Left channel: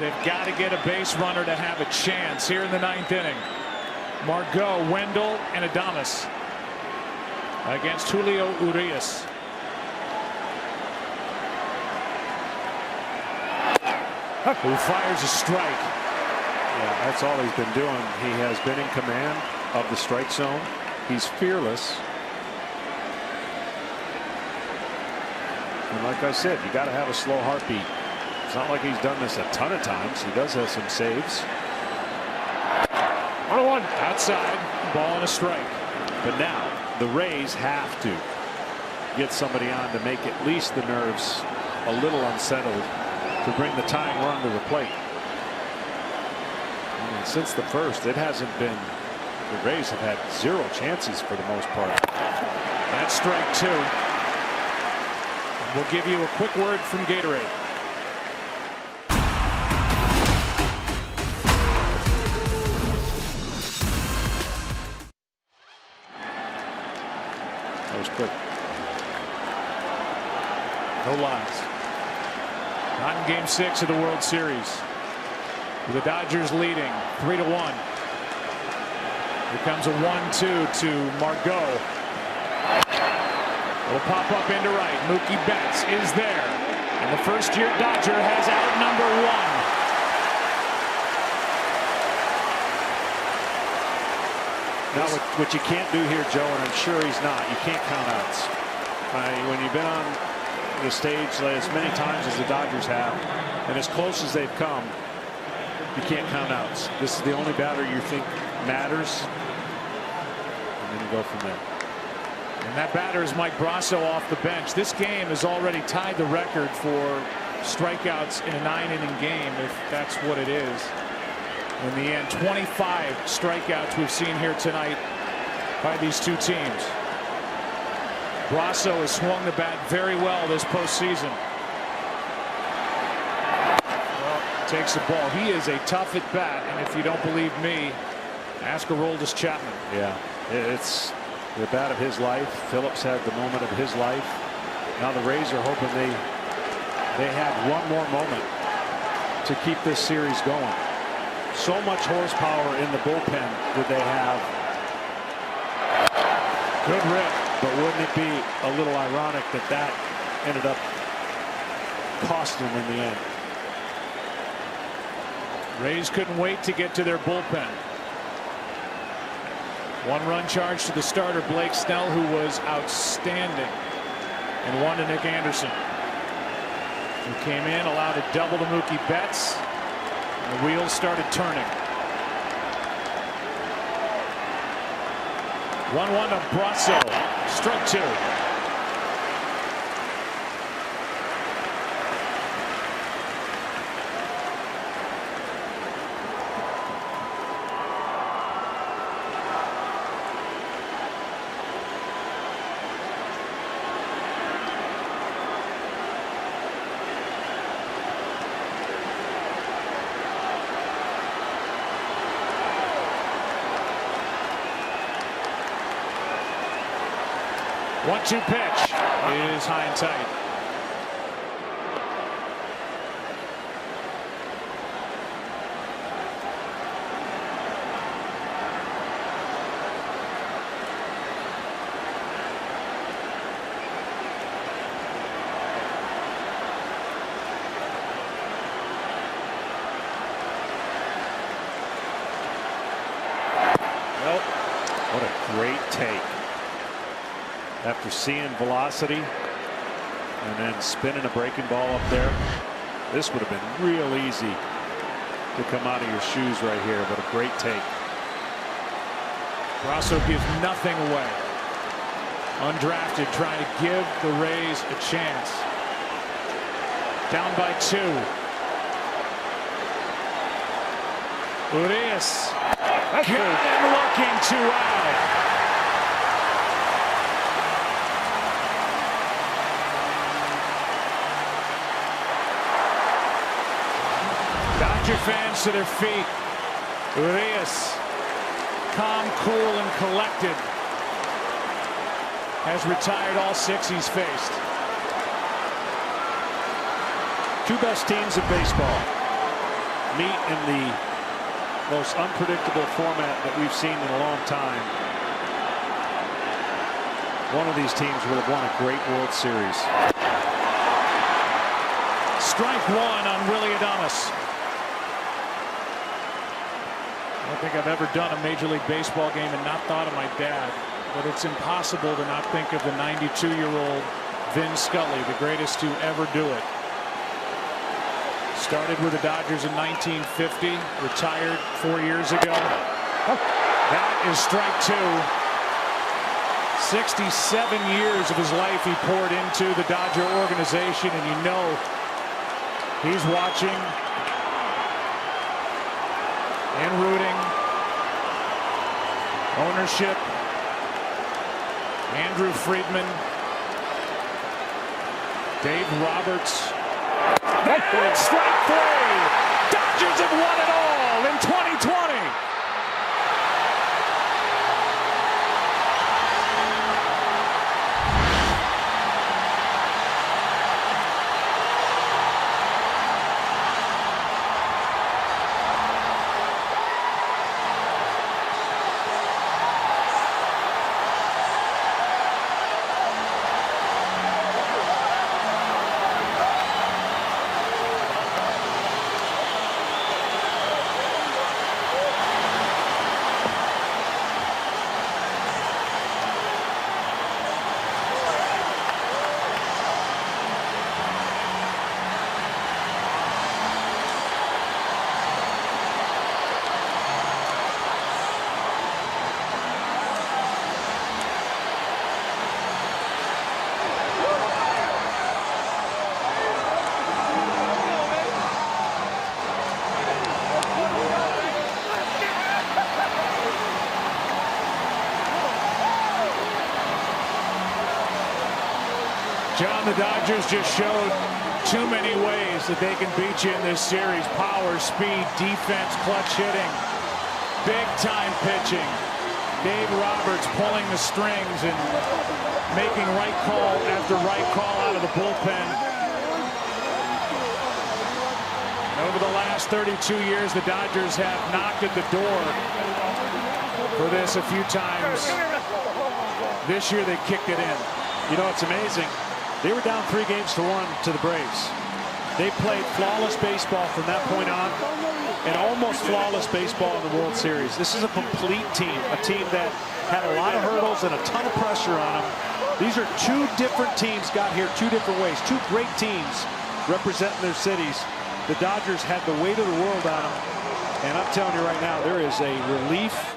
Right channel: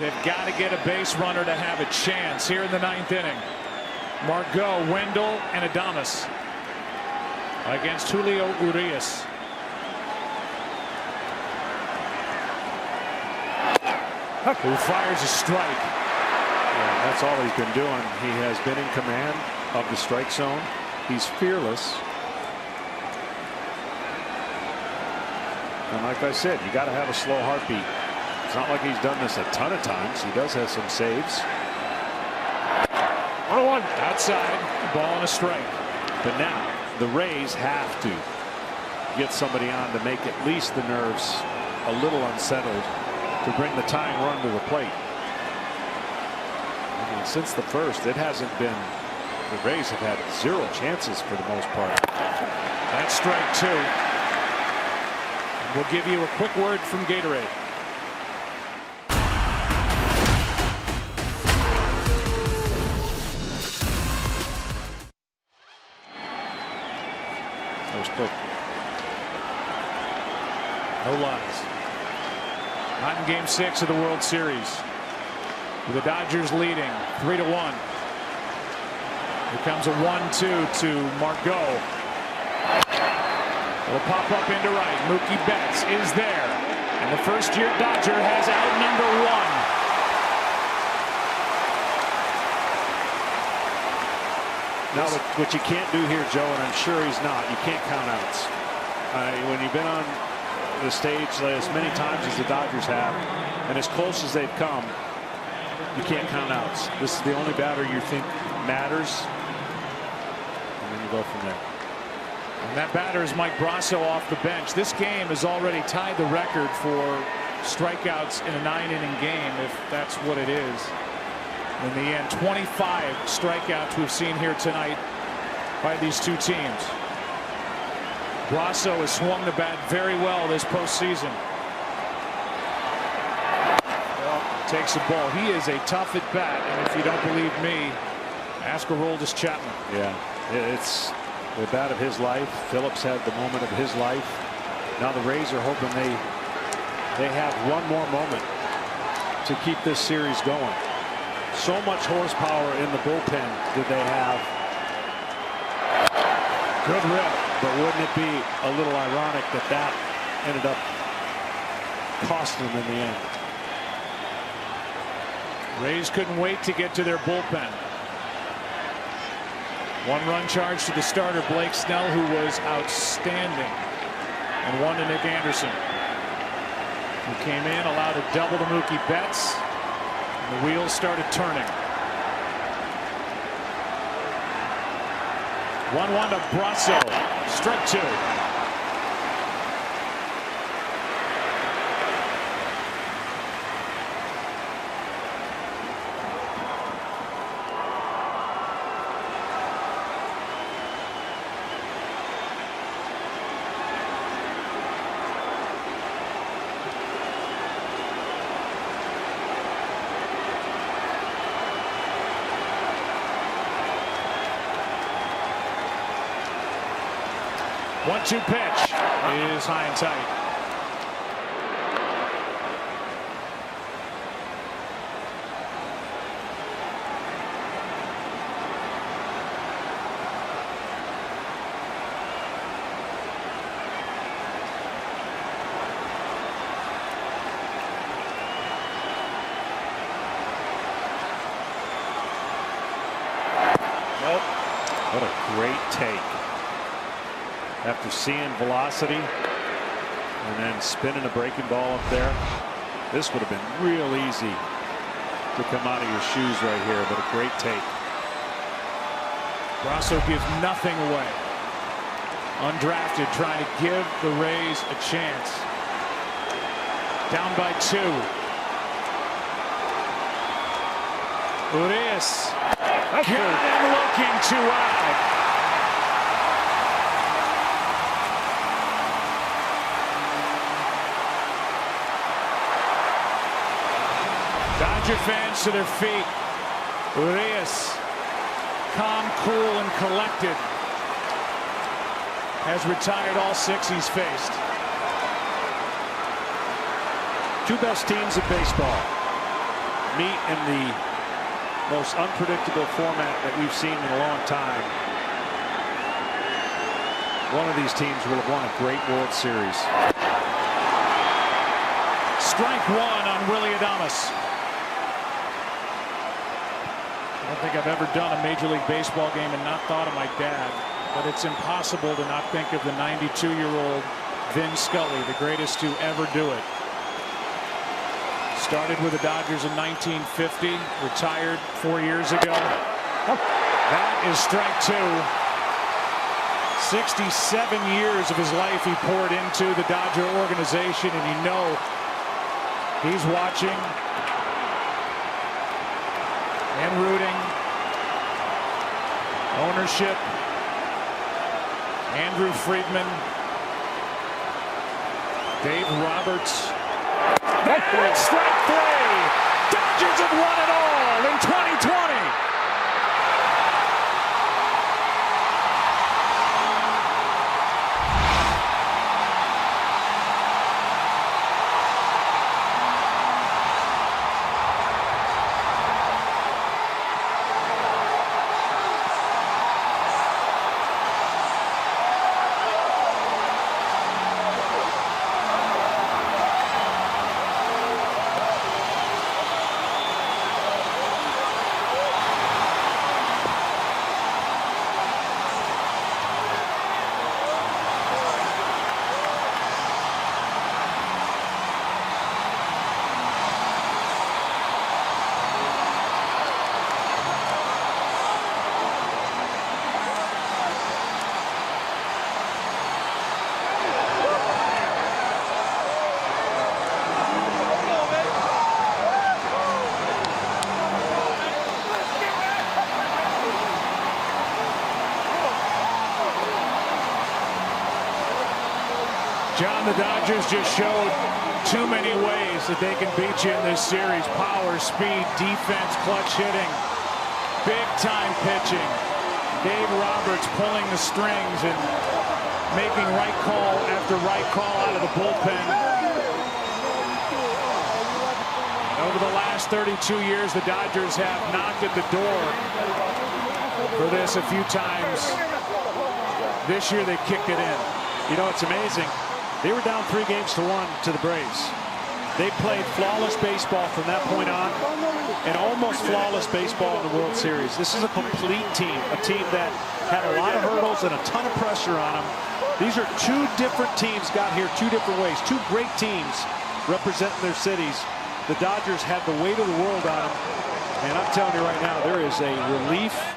They've got to get a base runner to have a chance here in the ninth inning. Margot, Wendell, and Adames against Julio Urias. Who fires a strike. Yeah, that's all he's been doing. He has been in command of the strike zone. He's fearless. And like I said, you got to have a slow heartbeat. It's not like he's done this a ton of times. He does have some saves. 1-1 outside, ball and a strike. But now the Rays have to get somebody on to make at least the nerves a little unsettled to bring the tying run to the plate. I mean, since the first, it hasn't been. The Rays have had 0 chances for the most part. That's strike 2. And we'll give you a quick word from Gatorade. That was quick. No lies. Not in Game 6 of the World Series. With the Dodgers leading 3-1. Here comes a 1-2 to Margot. It'll pop up into right. Mookie Betts is there. And the first-year Dodger has out number 1. Now, what you can't do here, Joe, and I'm sure he's not, you can't count outs. When you've been on the stage as many times as the Dodgers have, and as close as they've come, you can't count outs. This is the only batter you think matters, and then you go from there. And that batter is Mike Brasso off the bench. This game has already tied the record for strikeouts in a 9-inning game, if that's what it is. In the end, 25 strikeouts we've seen here tonight by these two teams. Brasso has swung the bat very well this postseason. Well, takes the ball. He is a tough at bat, and if you don't believe me, ask Aroldis Chapman. Yeah, it's the bat of his life. Phillips had the moment of his life. Now the Rays are hoping they have one more moment to keep this series going. So much horsepower in the bullpen that they have. Good rip. But wouldn't it be a little ironic that that ended up costing them in the end? Rays couldn't wait to get to their bullpen. 1-run charge to the starter Blake Snell, who was outstanding, and 1 to Nick Anderson, who came in, allowed a double to Mookie Betts, and the wheels started turning. 1-1 to Brasso. Strike 2. One-two pitch is high and tight. Nope. What a great take. After seeing velocity and then spinning a breaking ball up there, this would have been real easy to come out of your shoes right here, but a great take. Brasso gives nothing away. Undrafted, trying to give the Rays a chance. Down by 2. Urias got him looking, 2 out. Dodger fans to their feet. Urias, calm, cool, and collected, has retired all 6 he's faced. 2 best teams in baseball. meet in the most unpredictable format that we've seen in a long time, one of these teams will have won a great World Series. Strike one on Willie Adames. I don't think I've ever done a Major League Baseball game and not thought of my dad, but it's impossible to not think of the 92-year-old Vin Scully, the greatest to ever do it. Started with the Dodgers in 1950, retired 4 years ago. That is strike two. 67 years of his life he poured into the Dodger organization, and you know he's watching and rooting. Ownership, Andrew Friedman, Dave Roberts. And strike three. Dodgers have won it all in 2020. John, the Dodgers just showed too many ways that they can beat you in this series. Power, speed, defense, clutch hitting, big-time pitching. Dave Roberts pulling the strings and making right call after right call out of the bullpen. And over the last 32 years, the Dodgers have knocked at the door for this a few times. This year, they kicked it in. You know, it's amazing. They were down 3-1 to the Braves. They played flawless baseball from that point on, and almost flawless baseball in the World Series. This is a complete team, a team that had a lot of hurdles and a ton of pressure on them. These are two different teams got here two different ways. Two great teams representing their cities. The Dodgers had the weight of the world on them, and I'm telling you right now, there is a relief